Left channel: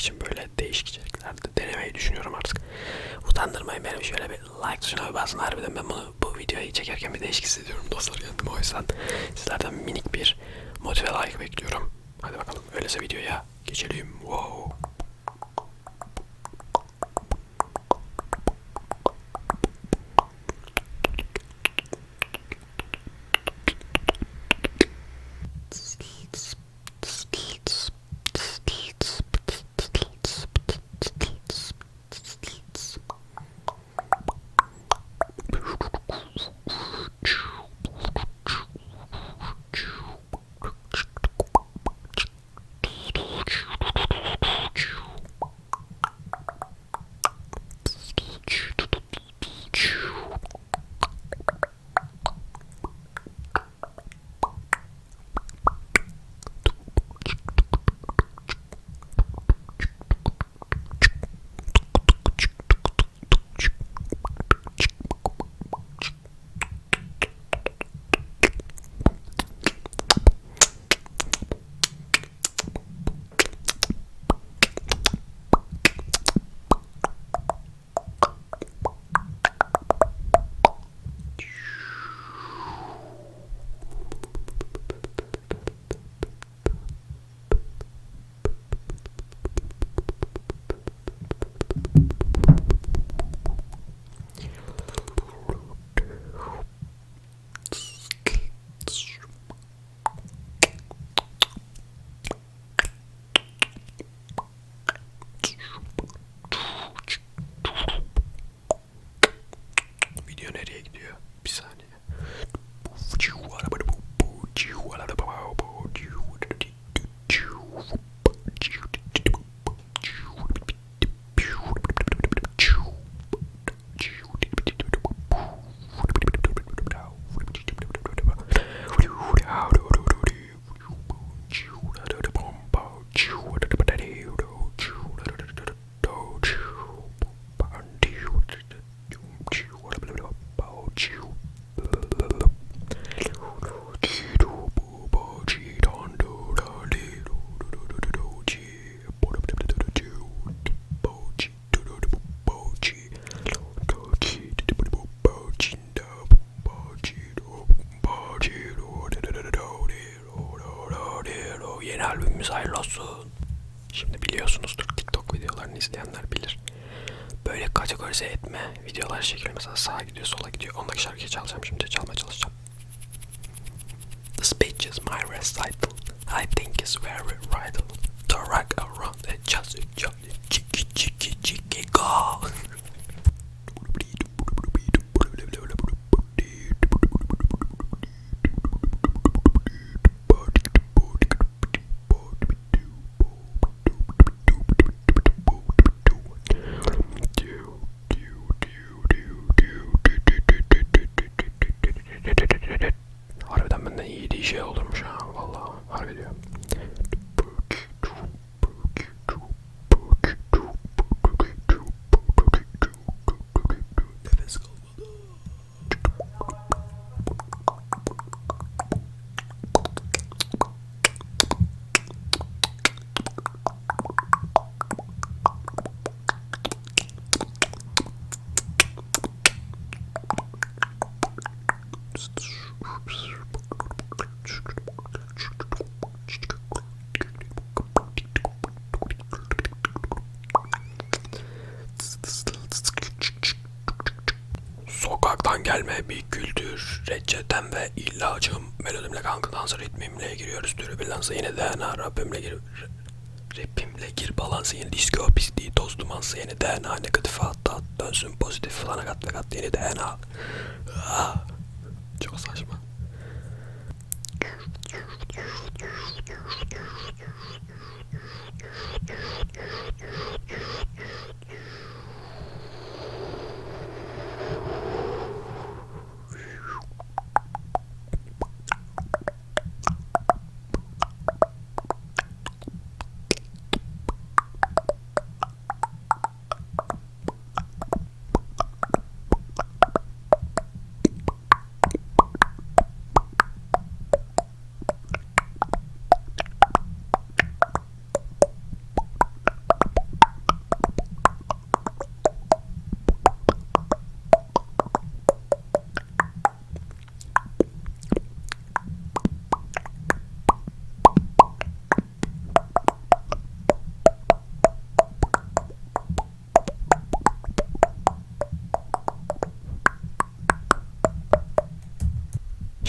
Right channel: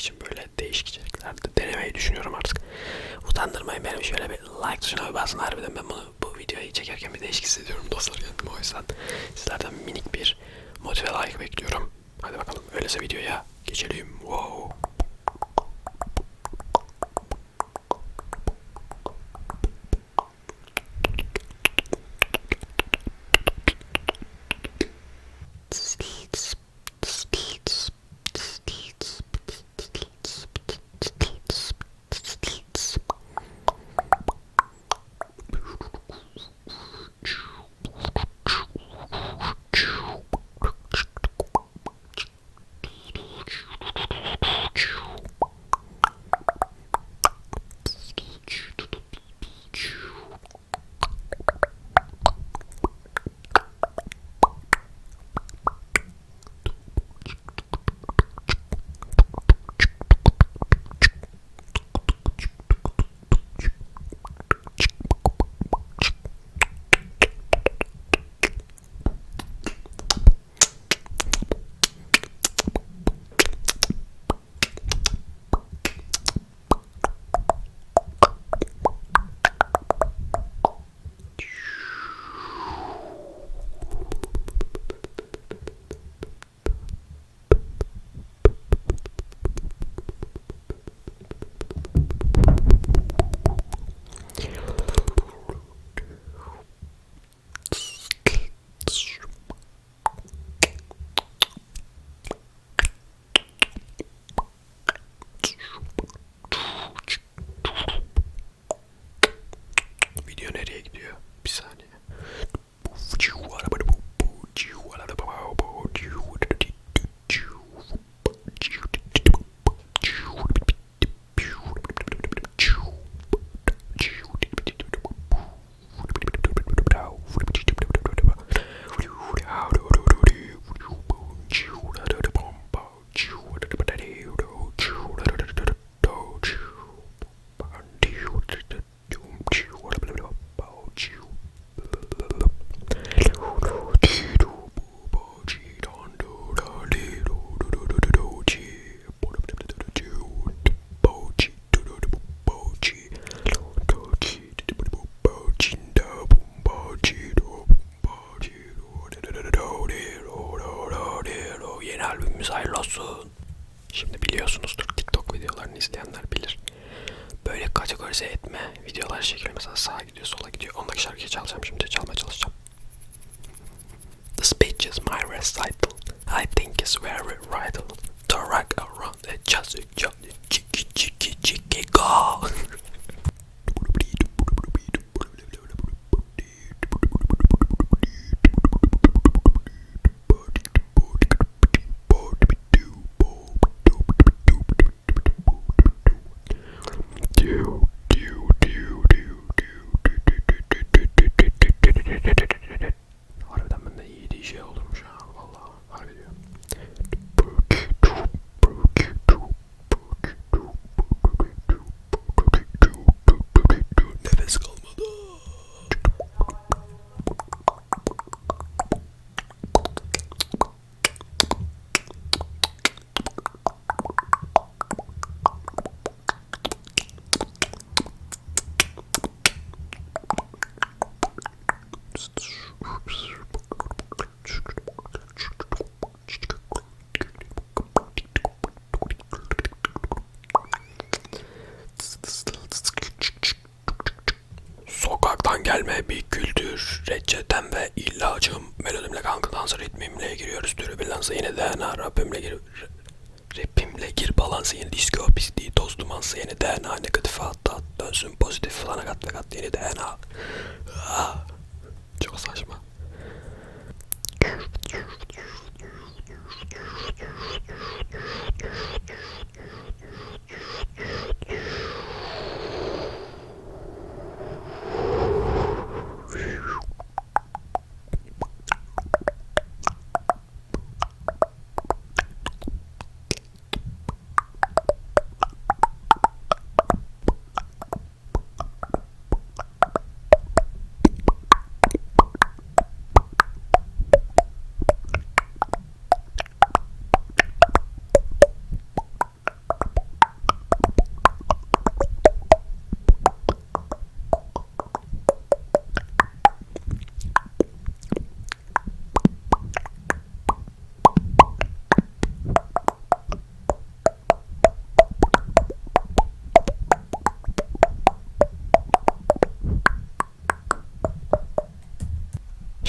için böyle değişik içeriklerde denemeyi düşünüyorum artık. Utandırmayın beni şöyle bir like tuşuna bir basın harbiden ben bunu bu videoyu çekerken bir değişik hissediyorum dostlar kendimi o yüzden sizlerden minik bir motive like bekliyorum. Hadi bakalım öyleyse videoya geçelim. Wow. Videolar çekiliyor. Mesela sağa gidiyor sola gidiyor. Ondaki şarkıyı çalacağım şimdi çalmaya çalışacağım. The speech is my recital. I think it's very vital. To rock around and just jump chicky chicky chicky go. Reçetem ve ilacım. Melodimle kanka dansı ritmimle giriyoruz türü bir lansa yine DNA Rabbimle gir... Rapimle gir balansı yeni disco pisliği toz dumansı yeni DNA negatif hatta dönsün pozitif falan kat ve kat yeni DNA. Ah, çok saçma.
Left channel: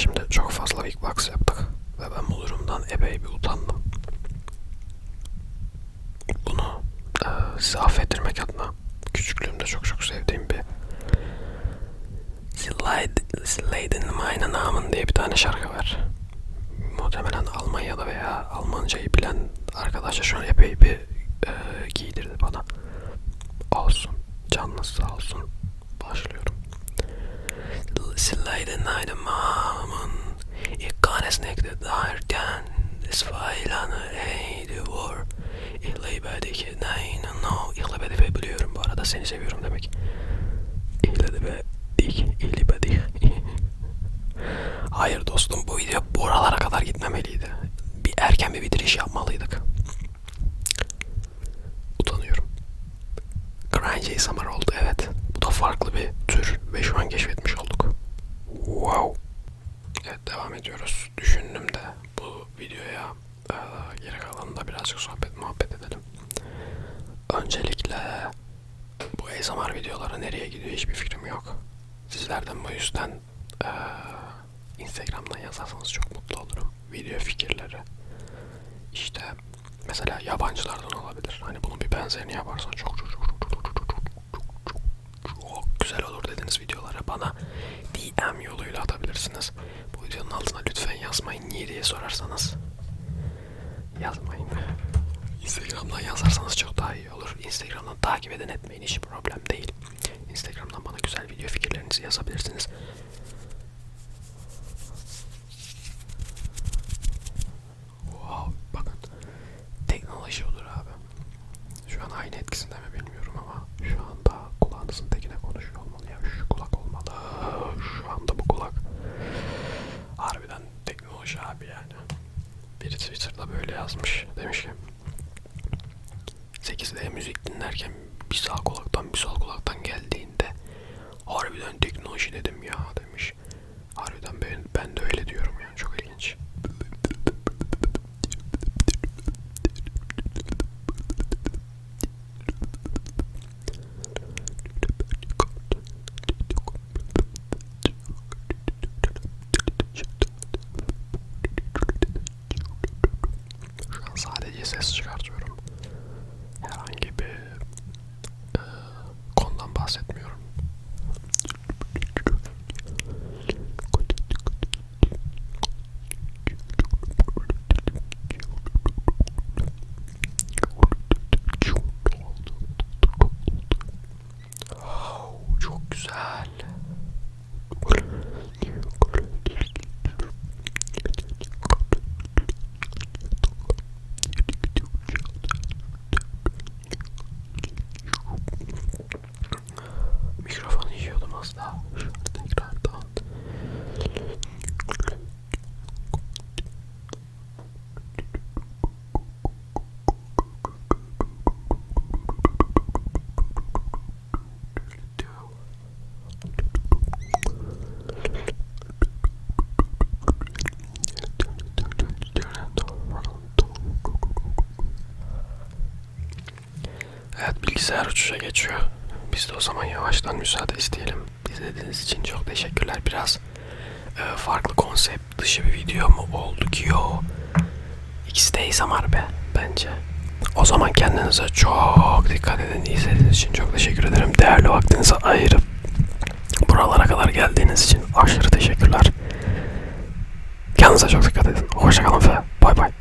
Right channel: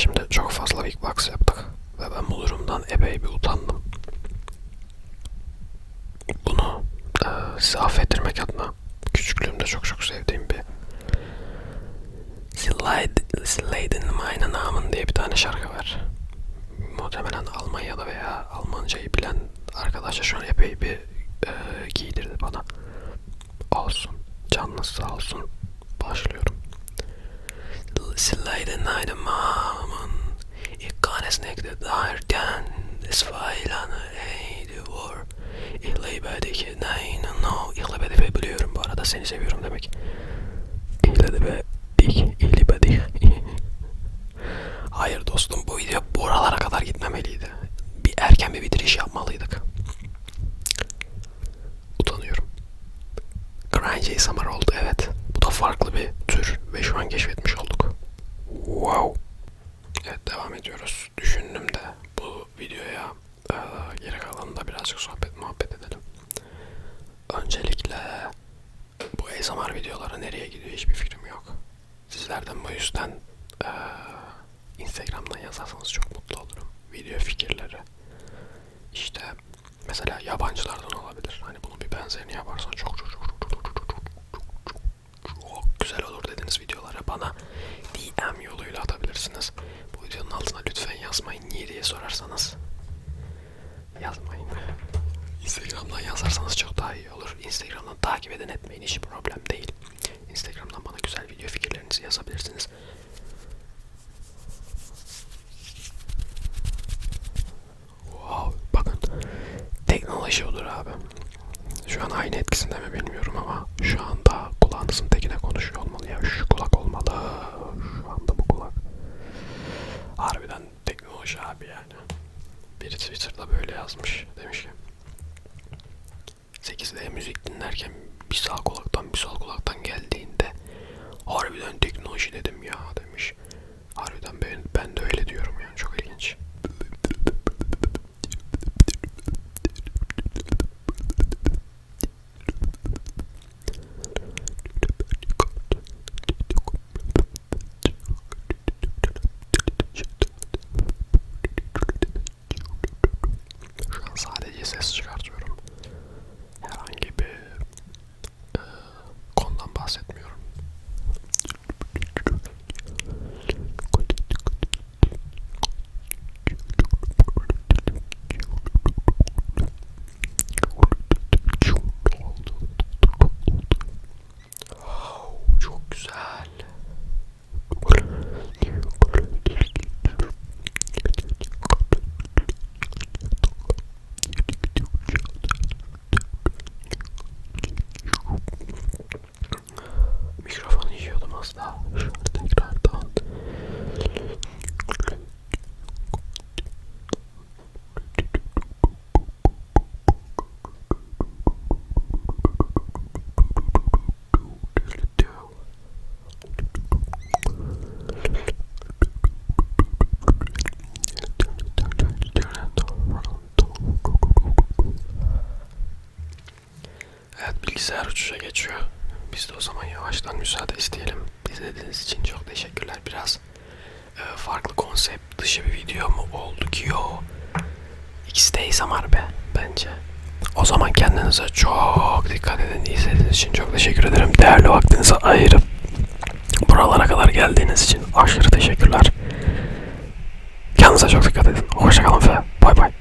Şimdi çok fazla big box yaptık ve ben bu durumdan epey bir utandım. Bunu e, size affettirmek adına küçüklüğümde çok çok sevdiğim bir in Meine Namen diye bir tane şarkı var. Muhtemelen Almanya'da veya Almancayı bilen arkadaşlar şu an epey bir e, giydirdi bana. Olsun. Canınız sağ olsun. Başlıyorum. Slide naydımamın İkkanes nekde dairken İsfailanı eydiyor İhlebedeki neyin no. İhlebedeki biliyorum bu arada seni seviyorum demek. İhlebedik İhlebedik Hayır dostum bu video buralara kadar gitmemeliydi. Bir erken bir bitiriş yapmalıydık. Utanıyorum. Grindjay Summer oldu evet. Bu da farklı bir tür ve şu an keşfetmiş oldum. Wow. Evet devam ediyoruz. Düşündüm de bu videoya e, geri kalanında birazcık sohbet muhabbet edelim. Öncelikle bu ASMR videoları nereye gidiyor hiçbir fikrim yok. Sizlerden bu yüzden e, Instagram'dan yazarsanız çok mutlu olurum. Video fikirleri. İşte mesela yabancılardan olabilir. Hani bunun bir benzerini yaparsan çok çok çok çok çok güzel olur dediğiniz videoları bana DM yoluyla atabilirsiniz. Bu videonun altına lütfen yazmayın. Niye diye sorarsanız yazmayın. Instagram'dan yazarsanız çok daha iyi olur. Instagram'dan takip edin etmeyin hiç problem değil. Instagram'dan bana güzel video fikirlerinizi yazabilirsiniz. Wow, bakın teknoloji olur abi. Şu an aynı etkisinde mi bilmiyorum ama şu anda kulağınızın tekine konuşuyor olmalı ya. Şu kulak olmalı. Şu anda bu kulak. Harbiden teknoloji abi yani. Biri Twitter'da böyle yazmış. Demiş ki 8'de müzik dinlerken bir sağ kulaktan bir sol kulaktan geldiğinde harbiden teknoloji dedim ya ses çıkartıyor. Evet bilgisayar uçuşa geçiyor. Biz de o zaman yavaştan müsaade isteyelim. İzlediğiniz için çok teşekkürler. Biraz e, farklı konsept dışı bir video mu oldu ki yo? İkisi de ASMR be bence. O zaman kendinize çok dikkat edin. İzlediğiniz için çok teşekkür ederim. Değerli vaktinizi ayırıp buralara kadar geldiğiniz için aşırı teşekkürler. Kendinize çok dikkat edin. Hoşçakalın ve bay bay.